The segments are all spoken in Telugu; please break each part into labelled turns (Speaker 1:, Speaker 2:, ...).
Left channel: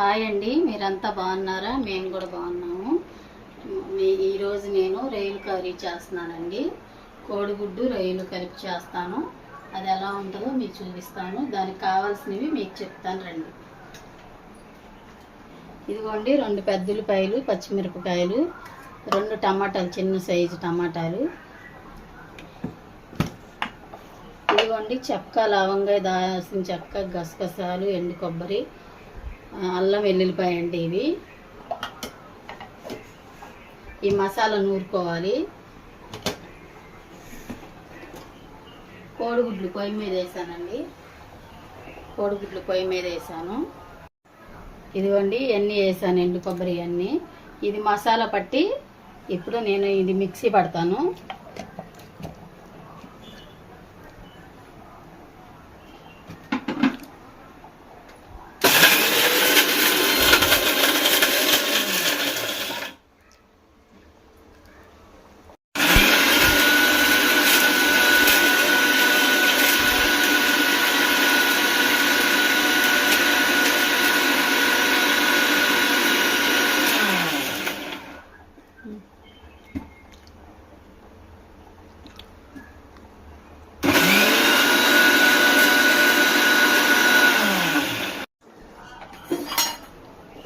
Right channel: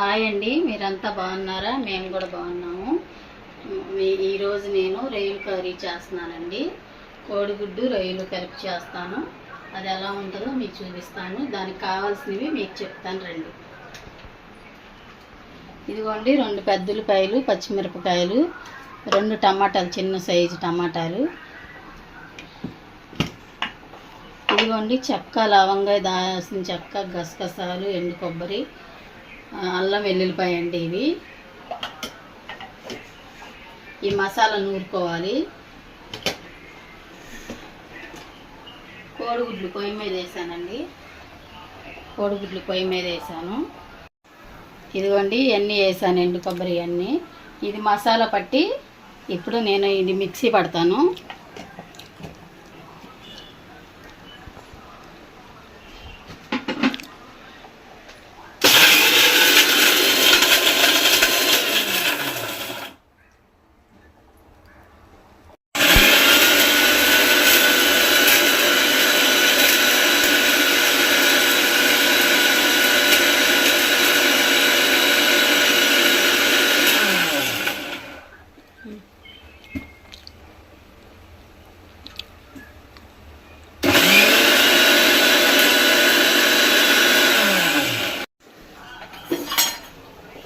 Speaker 1: హాయ్ అండి మీరంతా బాగున్నారా? మేము కూడా బాగున్నాము. మీ- ఈరోజు నేను రొయ్యలు కర్రీ చేస్తున్నానండి. కోడిగుడ్డు రొయ్యలు కలిపి చేస్తాను. అది ఎలా ఉంటుందో మీకు చూపిస్తాను. దానికి కావాల్సినవి మీకు చెప్తాను రండి. ఇదిగోండి రెండు పెద్దలపాయలు పచ్చిమిరపకాయలు రెండు టమాటాలు చిన్న సైజు టమాటాలు. ఇదిగోండి చెక్క లవంగా దాల్సిన చెక్క గసగసాలు ఎండు కొబ్బరి అల్లం వెల్లుల్లిపాయ అండి ఇవి. ఈ మసాలా నూరుకోవాలి. కోడిగుడ్లు పొయ్యి మీద వేసానండి. కోడిగుడ్లు పొయ్యి మీద వేసాను. ఇదిగోండి ఇవన్నీ వేసాను ఎండు కొబ్బరి అన్నీ ఇది మసాలా పట్టి ఇప్పుడు నేను ఇది మిక్సీ పడతాను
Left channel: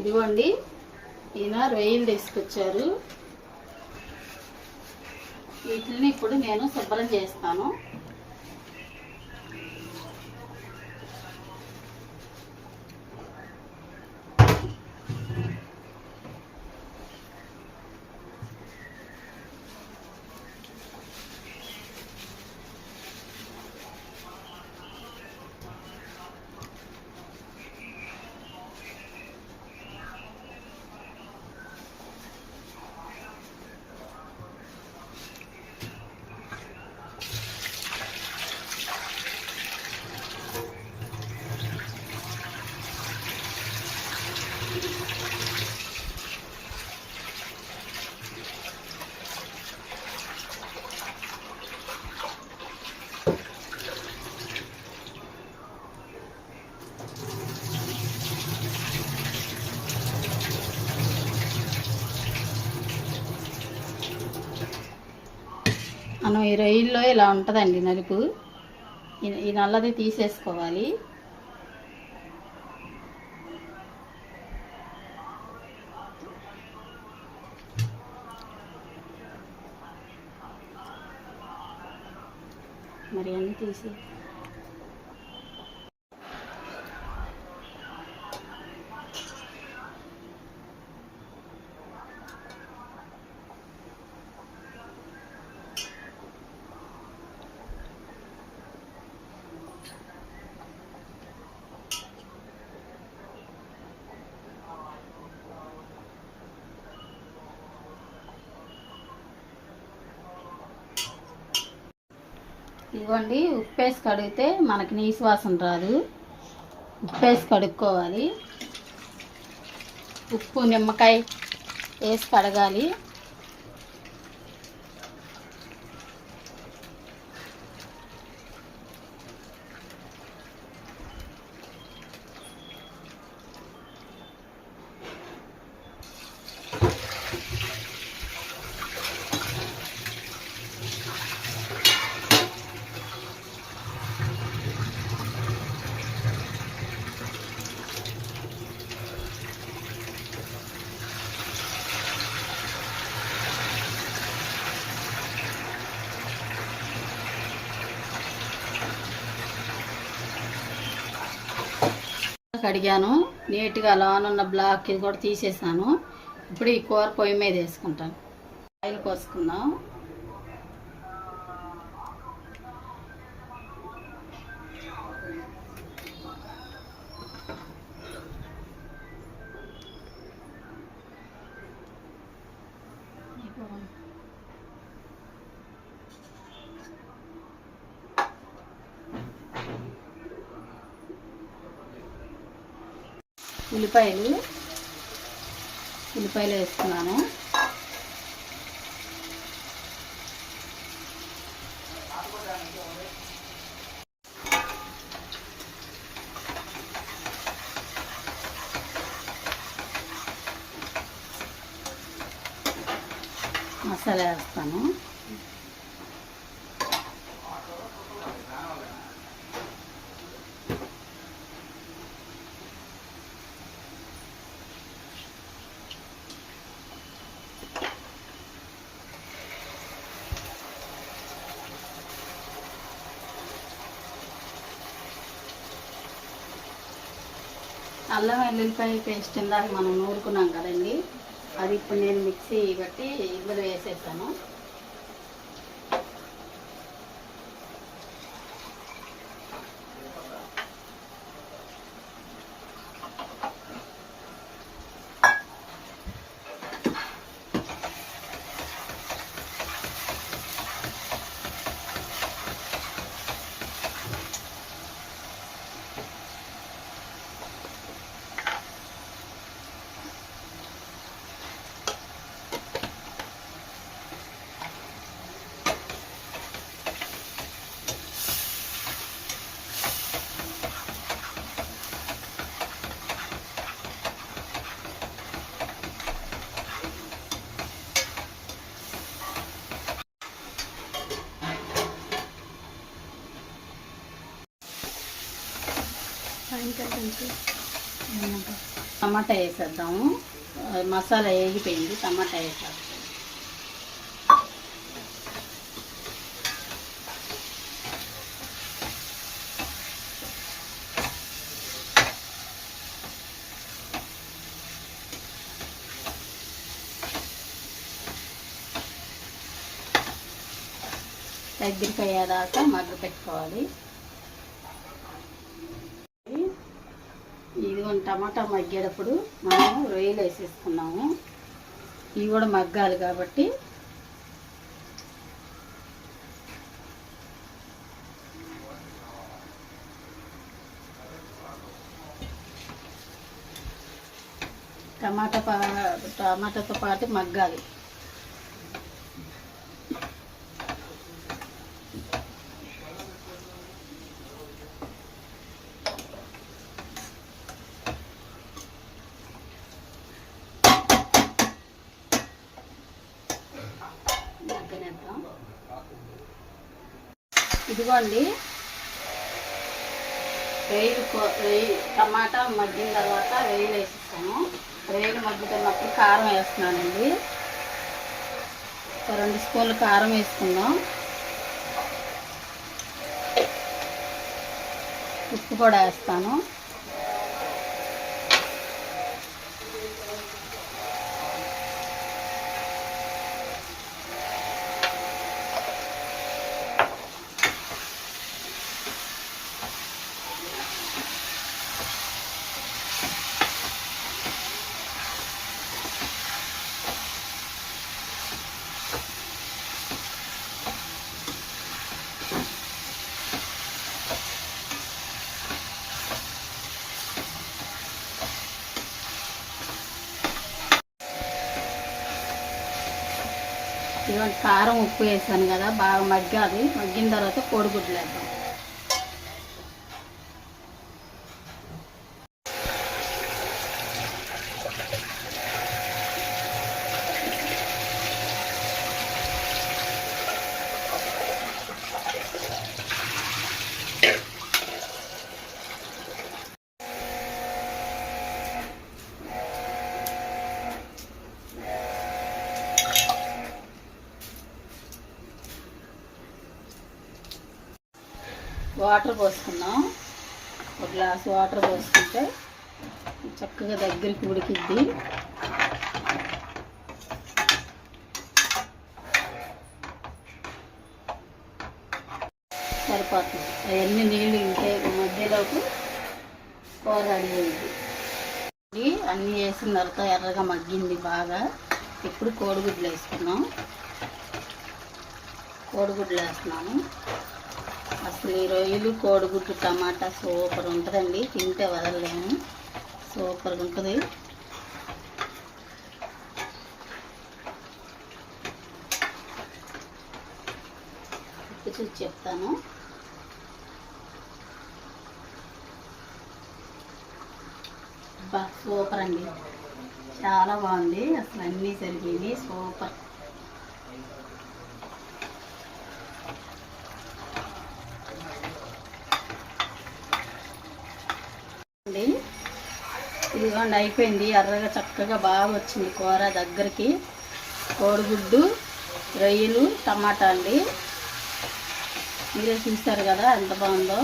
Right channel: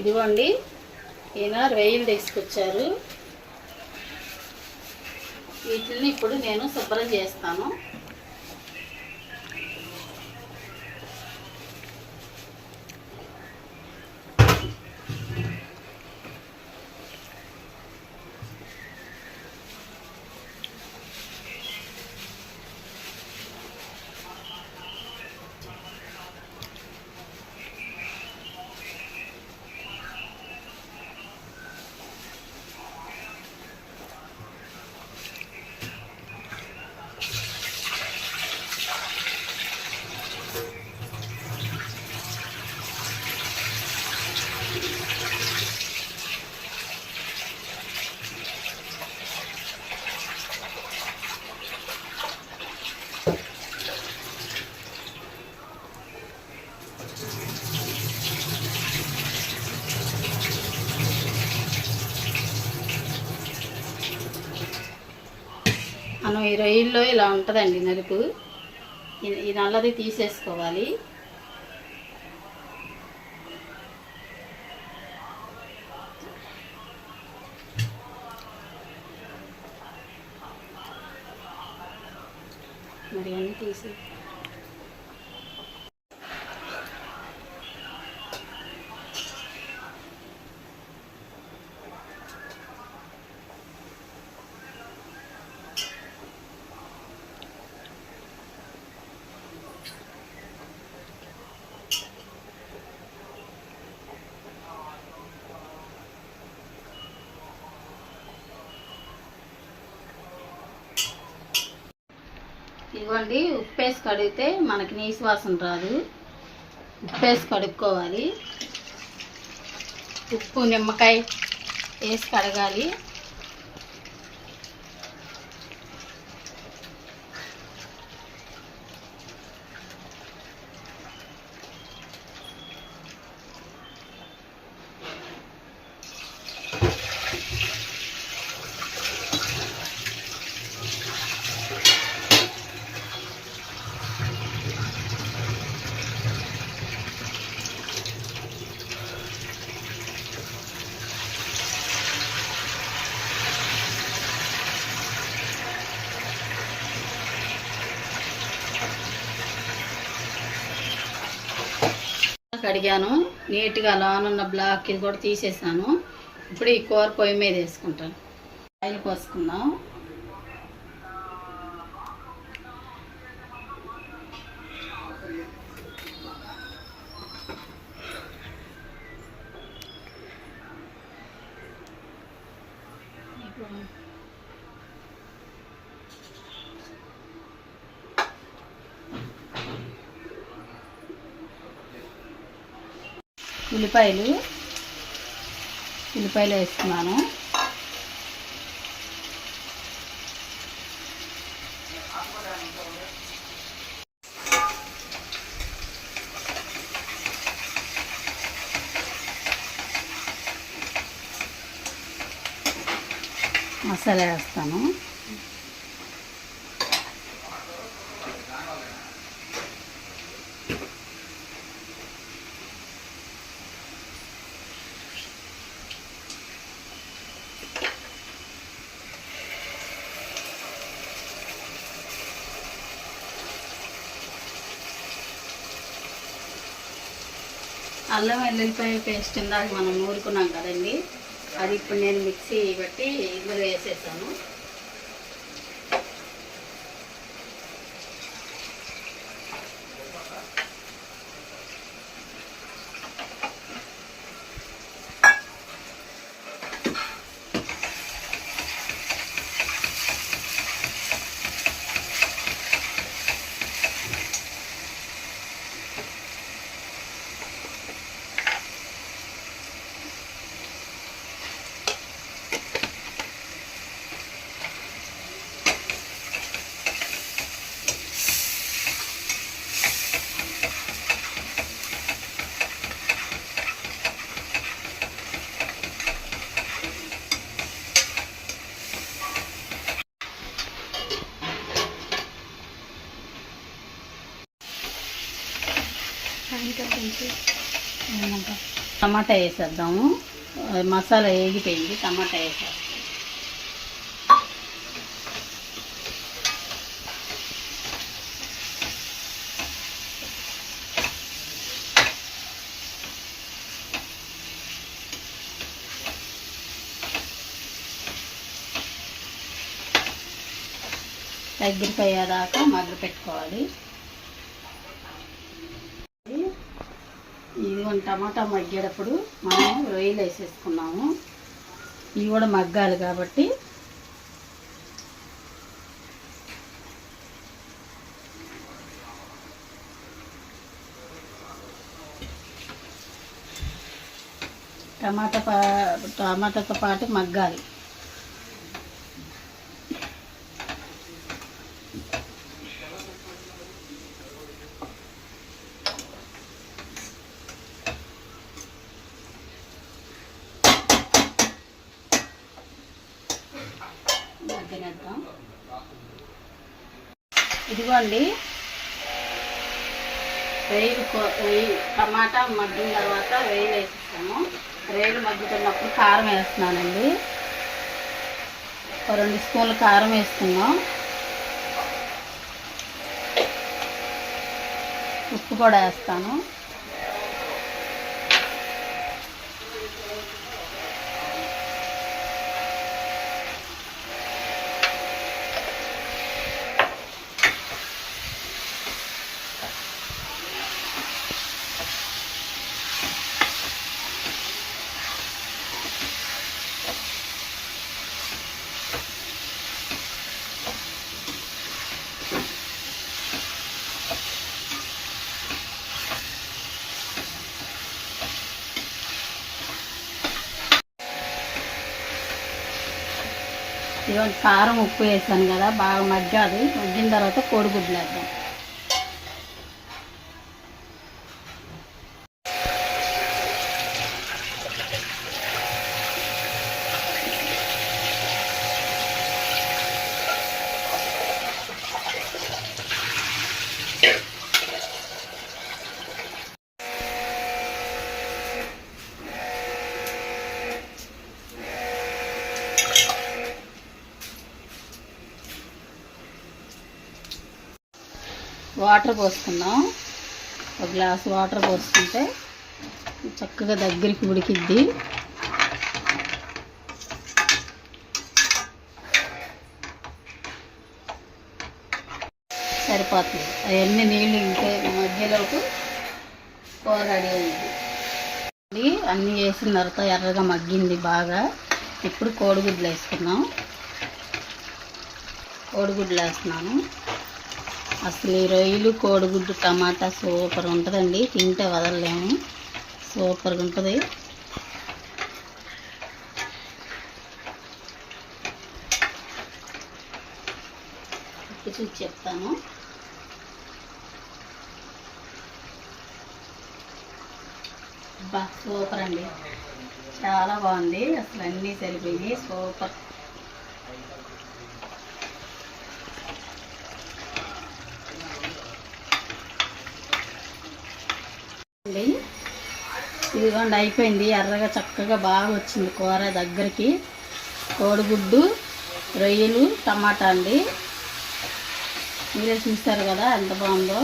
Speaker 1: ఇదిగోండి ఈయన తీసుకొచ్చారు. వీటిని ఇప్పుడు నేను శుభ్రం చేస్తాను మనం ఈ రొయ్యల్లో ఇలా ఉంటుందండి నలుపు. ఈ- నల్లది తీసేసుకోవాలి. మరి అన్నీ తీసి ఇదిగోండి ఉప్పు వేసి కడిగితే మనకి నీసు వాసన రాదు. ఉప్పు వేసి కడుక్కోవాలి. ఉప్పు నిమ్మకాయ వేసి కడగాలి. కడిగాను. నీట్గా లోనున్న బ్లాక్ ఇది కూడా తీసేసాను. ఇప్పుడు ఈ కూర పొయ్యి మీద వేసుకుంటాను. ఆయిల్ పోసుకుందాం. ఉల్లిపాయలు. ఉల్లిపాయలు వేసుకున్నాను. మసాలా వేస్తాను. అల్లం వెల్లుల్లిపాయ పేస్ట్ ఇందాక మనం నూరుకున్నాం కదండి. అది ఇప్పుడు నేను మిక్సీ బట్టి ఇందులో వేసేసాను. టమాటా వేసేద్దాము. మసాలా వేగిపోయింది టమాటా వేసేద్దాం దగ్గరికి అయ్యేదాకా మగ్గు పెట్టుకోవాలి. ఇదిగోండి టమాటా మగ్గేటప్పుడు మనం రొయ్యలు వేసేసుకున్నాము. ఇవి కూడా మగ్గాలి కాబట్టి. టమాటా పా టమాటాతో పాటు మగ్గాలి. ఇదిగోండి. వేలు వేయి టమాటా మగ్గిన తర్వాత వేలు వేసేస్తాను వేలు మగ్గుతున్నప్పుడు కారం వేస్తున్నానండి. ఒక రెండు స్పూన్లు కారం వేస్తున్నాం ఉప్పు కూడా వేస్తాను. ఇదిగోండి కారం ఉప్పు వేసాను కదా బాగా మగ్గాది. మగ్గిన తర్వాత కోడిగుడ్లు వేద్దాం. వాటర్ పోసుకుందాం ఒక గ్లాస్ వాటర్ పోసుకుంటే చక్కగా దగ్గరికి ఉడికిద్ది. సరిపోతుంది. అవన్నీ నీళ్ళు ఇంకే మధ్యలోకి కూర రెడీ అయింది. అన్నీ వేసిన తర్వాత ఎర్రగా మగ్గింది బాగా. ఇప్పుడు కోడిగుడ్లు వేసుకున్నాం కోడిగుడ్లు వేస్తున్నాము అసలు ఈ రొయ్యలు కోడిగుడ్డు టమాటా సూపర్ ఉంటుందండి. తింటే వదలలేము. సూపర్గా ఉంటుంది. చూసి చెప్తాను. సూపర్ అండి. చాలా బాగుంది. అసలు అన్నీ సరిపోయినాయి. సూపర్. ఇదిగోండి అయిపోయింది. ఎర్రగా చక్కగా బాగా వచ్చింది కూర దగ్గరికి. కోడిగుడ్డు రొయ్యలు టమాటా అండి. మీరే చూస్తారు కదా ఎంత బాగుందో.